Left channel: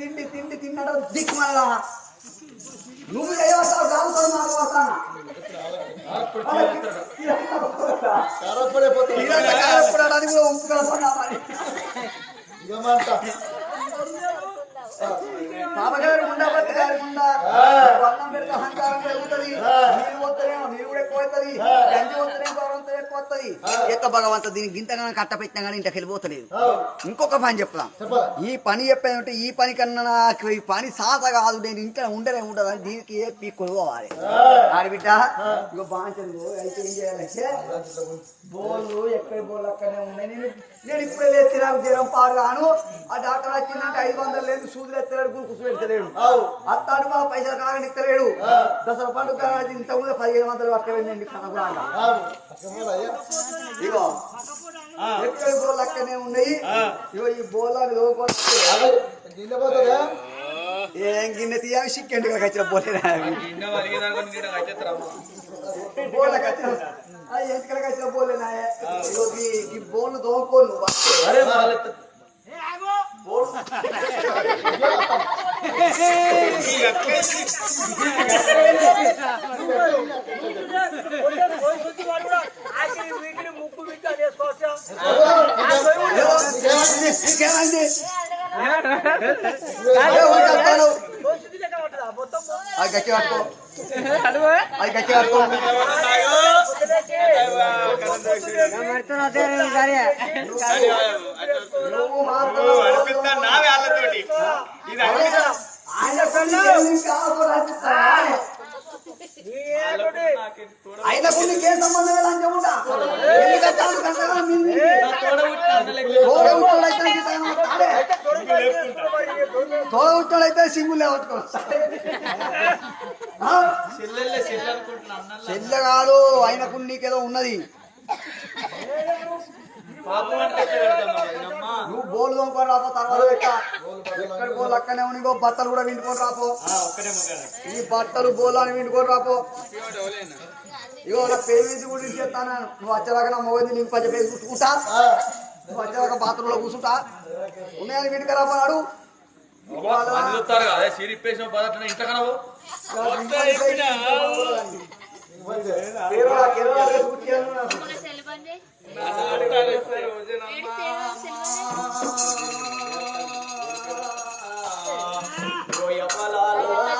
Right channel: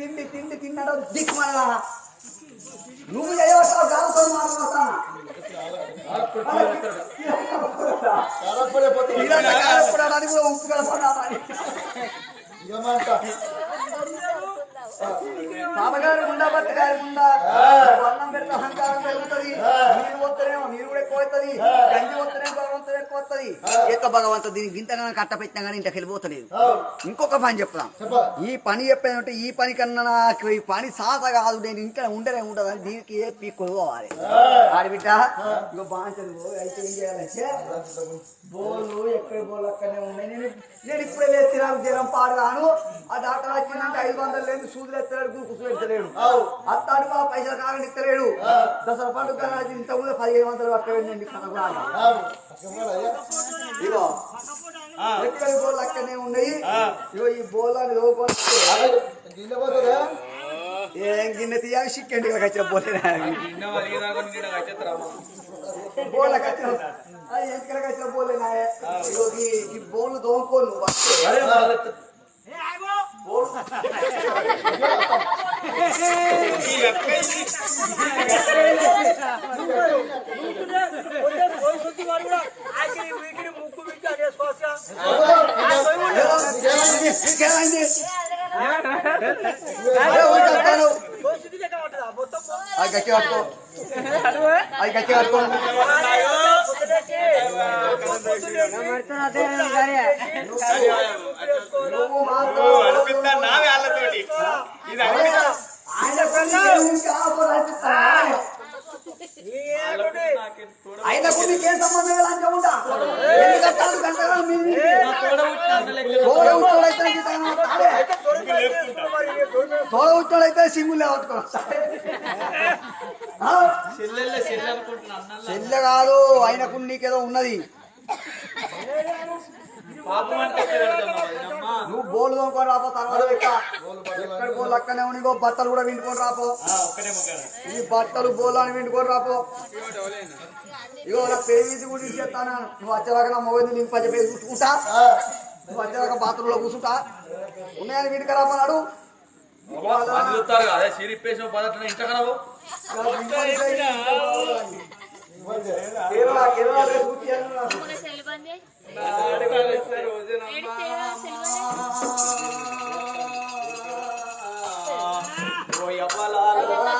తిండి తిండి తిన్నాడు దిక్కుమల్లా నువ్వు చేయవస్తావు కాదు మాట్లాడతాను అది పాపగారు ఉండా గారి ఉండా వర్ణం పెడితే అహంకారం పెరుగుతుంది. నీరు పోతేనేమో నీరు కూడా ఎక్కువ అవుతుంది గంజి పోతేనేమో భగవంతుడు ఎక్కువ వస్తుంది ఎక్క భగవంత దీనికి ఇంతగా కట్ట పెట్టినా కానీ ఇంటికి వెళ్ళిపోతలేదు. ఇంకొక పని చెప్తాం ఈ పని చెప్పేదంటే ఈ పని కన్నా నాకు ఈ పని సాత కాదు. నేను ఇంట్లో ఉండలే ఉండదు అని దీనికి ఏ పీక్కొని పోవాలి ఆడి బిడ్డ ఇగో బాగా అయితే ఏం చేయాలంటే బోళ్ళు ఎక్కడ బోళ్ళు అక్కడనే ఉన్నాయి. నేను నేను ఇప్పుడే లేచి నాకు జ్వరం పాడు కాను ఆ డాక్టర్ వచ్చిందంటే ఐదు వందలు లేదు సూదులు ఎత్తలేడు గురుకుసు పెడతలేడు. అత్తాడు మా పైసలు కాగని ఇస్తలేడు దసరా పండుగ ఇంత కూడా పదిహేను వందలు పక్కనండి కనబడాలి ఇగో. ఎక్కడ బోళ్ళు అక్కడనే ఉన్నాయి. ఇగో ఈ బోళ్ళని లోపలిస్తే ఏం గిన్నె తీయాలి? చిక్కండి ఇలా వచ్చిన బోలేనా బోళ్ళకి వచ్చిన ఆ ఎంటికలకి వచ్చిన బోలేనా ఇగో ఈ- బోళ్ళు అది గట్టి కట్టుకో అది గట్టి కట్టుకో నువ్వు మాత్రం నావే వాళ్ళతోటి. ఇది? ఆయనకు నీకేం సంబంధం కట్టాలి తోడ ఉచ్చోడైతే తాడే తోడ ఉచ్చోడైతే చెల్లె కాదు ఆయనకు నీకేదో ఉన్నది. నువ్వు? బోలు తోముకొని రాపో తర్వాత ఎక్క ఎక్కడ బోలు అక్కనే ఉని ఇగో బట్టలు కూడా వింటుకొని రాపో. ఈ బట్టలు బోలు అని వింటుకొని రాపో. ఇగో నా పేరు గురించి చెప్తాను నువ్వు వచ్చేదాకా నా మొబైల్ నేను పచ్చ పేరు కూర్చుకుంటా? నువ్వు వచ్చేదాకా బాత్రూంలో కూర్చుంటా? ఉన్నాయని వీటికి రామన్నాడు మంది చూస్తారు కదా సిరిప్పేసిన పదట్ల ఇంట కనవు కేరళ కేరళ డ్రెస్ కుట్టియాను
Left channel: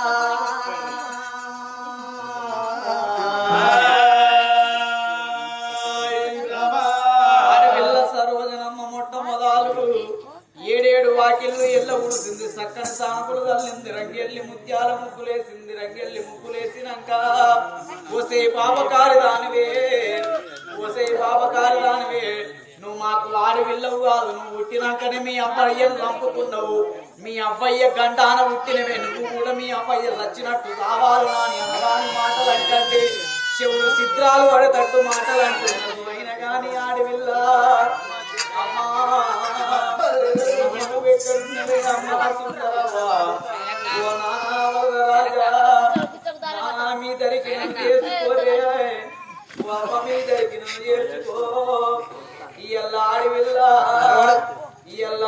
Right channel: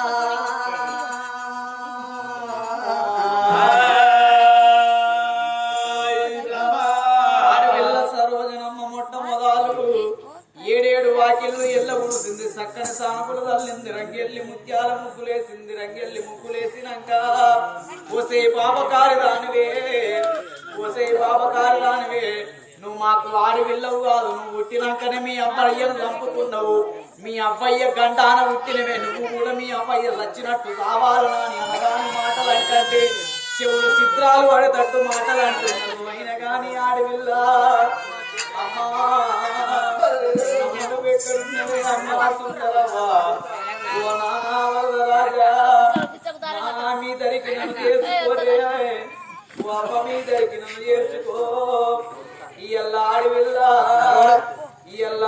చంపుకున్నావు మీ అబ్బాయ్య గంటాన పుట్టినవే. నువ్వు కూడా మీ అబ్బాయ్య చచ్చినట్టు కావాలి అని అనరాని మాటలు అంటే చెవులు చిత్రాలు పడేటట్టు మాటలు అంటున్నారు అయినా కానీ ఆడవిల్ల. అమ్మా నువ్వు ఎక్కడున్నవే అమ్మా సుందరవ్వా. ఓ నానా వరదరాజా నానా మీ దరికి నన్ను చేసుకోరే ఓ అమ్మ మీ దరికి నన్ను చేర్చుకో ఇయ్యల్ల ఆడవిల్ల. ఇయ్యల్ల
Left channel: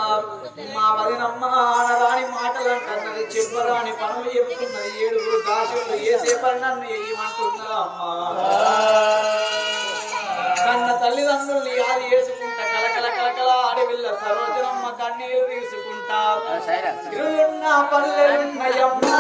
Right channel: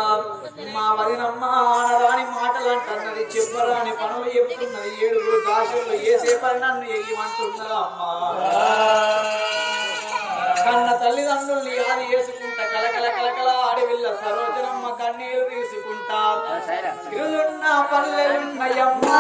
మా వదినమ్మ ఆనరాని మాటలు అంటున్నది చెప్పరాని పనులు చెప్తున్నది ఏడుగురు దాసులు ఏసేపని నన్ను ఎయ్యమంటున్నదా అమ్మా? కన్న తల్లిదండ్రుల్ని యాది చేసుకుంటా కలకల కలకల ఆడవిల్ల సరోజనమ్మ కన్నీరు తీసుకుంటా. తిరుగున్న పల్లెలున్నయమ్మా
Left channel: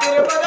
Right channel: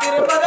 తిరుపతి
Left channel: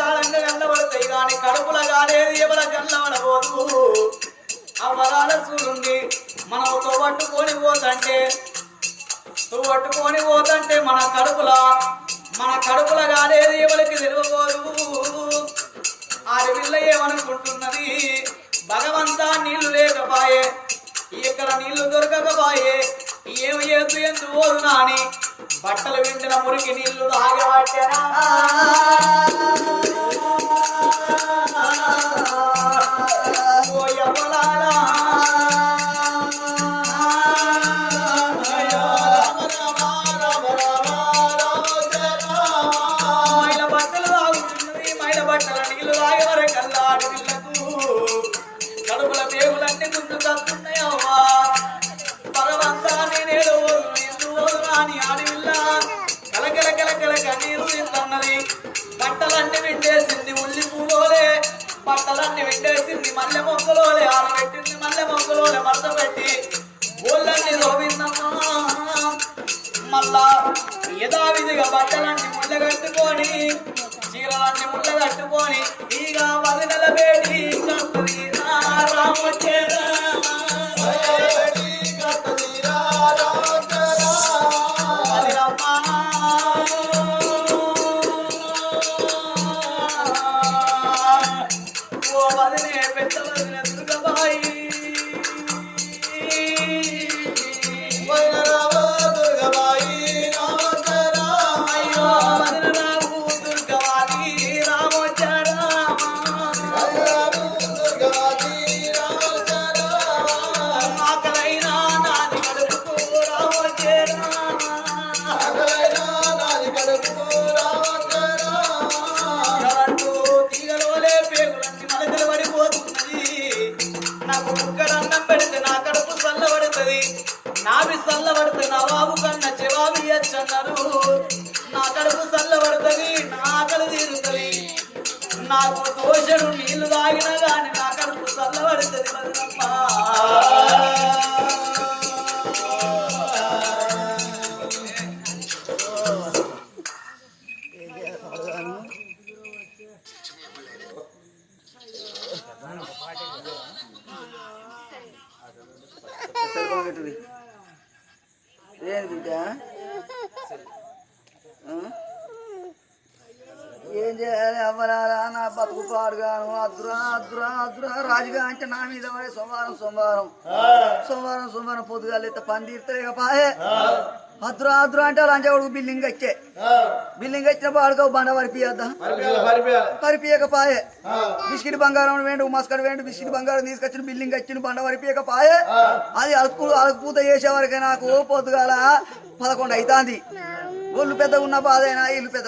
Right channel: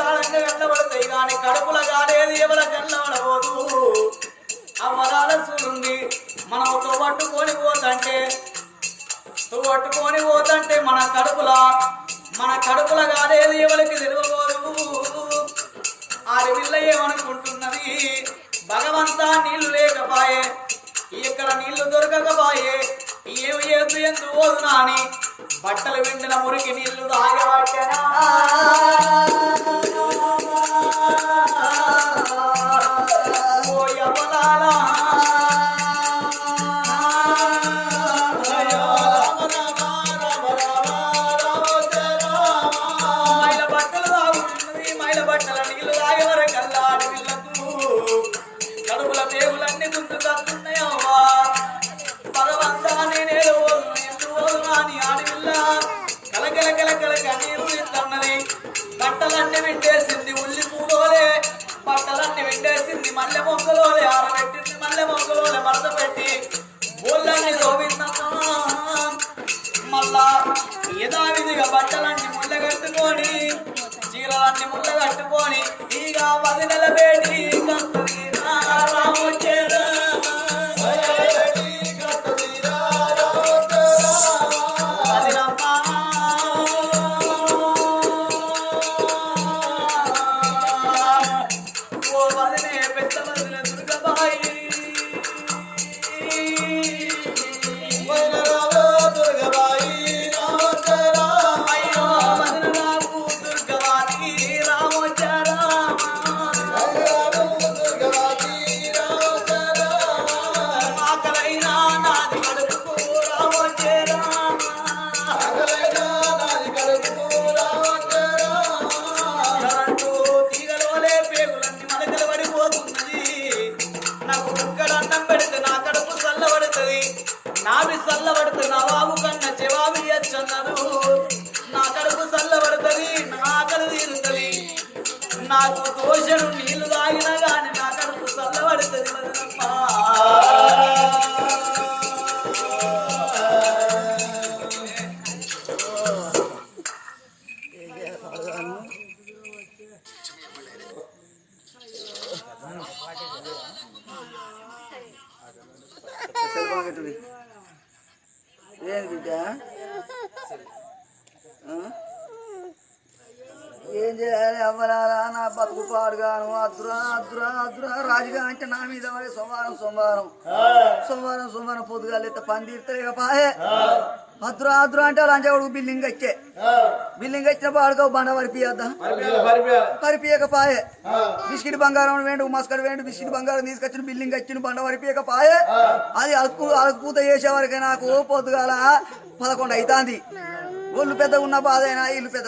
కాలంగా కనబడతాయి కానీ కడుపుల గాలేది ఎవర కన్నబడబోదు అవ్వరాల చూడుంది మనం తోబట్టుకొని పోతంటే తోబట్టుకొని పోతంటే మన కడుపుల మన కడుపుల కాదేది ఎవరికి తెలియబోదు ఆడవిల్ల ఏమనుకుంటున్నది? భగవంతా నీళ్ళు లేకపాయే ఇక్కడ నీళ్ళు దొరకకపాయే ఏమి చేస్తూ ఎందు పోదు నాని? బట్టలు విండిన మురికి నీళ్ళు తాగబట్టనా? అడుగుల పేగులన్నీ ముందు తస్తున్నాయవ్వా భగవంతా నేనేడు ఓదును ఎందు ఓదునా అని ఆడవిల్ల. కలకల కలకల కన్నీరు తింటున్నది బట్టలన్నీ పెట్టేసింది ఉల్లి పూలోలే. బట్టలన్నీ పెట్టేసింది మల్లె మొక్కలోలే ఆరబెట్టింది మల్లె మొక్కలోలే మడత పెట్టి. ఊళ్ళన్నీ రోవిందమ్మా మళ్ళా యథావిధిగా బట్టలన్నీ ముళ్ళ కట్టుకొని చీరలన్నీ ముళ్ళ కట్టుకొని ఇక వదినల నెల కట్టుది Thank you. నాకు దోషలు అద్దురా రాజుగా అంటే నా మీద పడే సోమవారం సోమవారం. సోమవారం సోమవారం పొద్దుగా లేత పని తీర్తలేక పాయే. అద్దురా అద్దురా అంటే లంచ కొడుకు బిల్డింగ్ వచ్చే బిల్డింగ్ వచ్చిన పాడుకో బండ వరిపియద్దా పరిపియక పాయే. బిస్కెట్ బంగారం వేండు మస్కట్ వేండు బిస్కెట్ బంగారం తీసుకొచ్చిన బిల్డింగ్ వచ్చిన బండ వరిపియక పాయే. అది అలుపు అలుపుత చేసే వరకే నాకు పొద్దుగాల పదకొండు అవుతాంది ఒళ్ళు పెద్ద ఉన్న బాధైనా ఇల్లు పెద్ద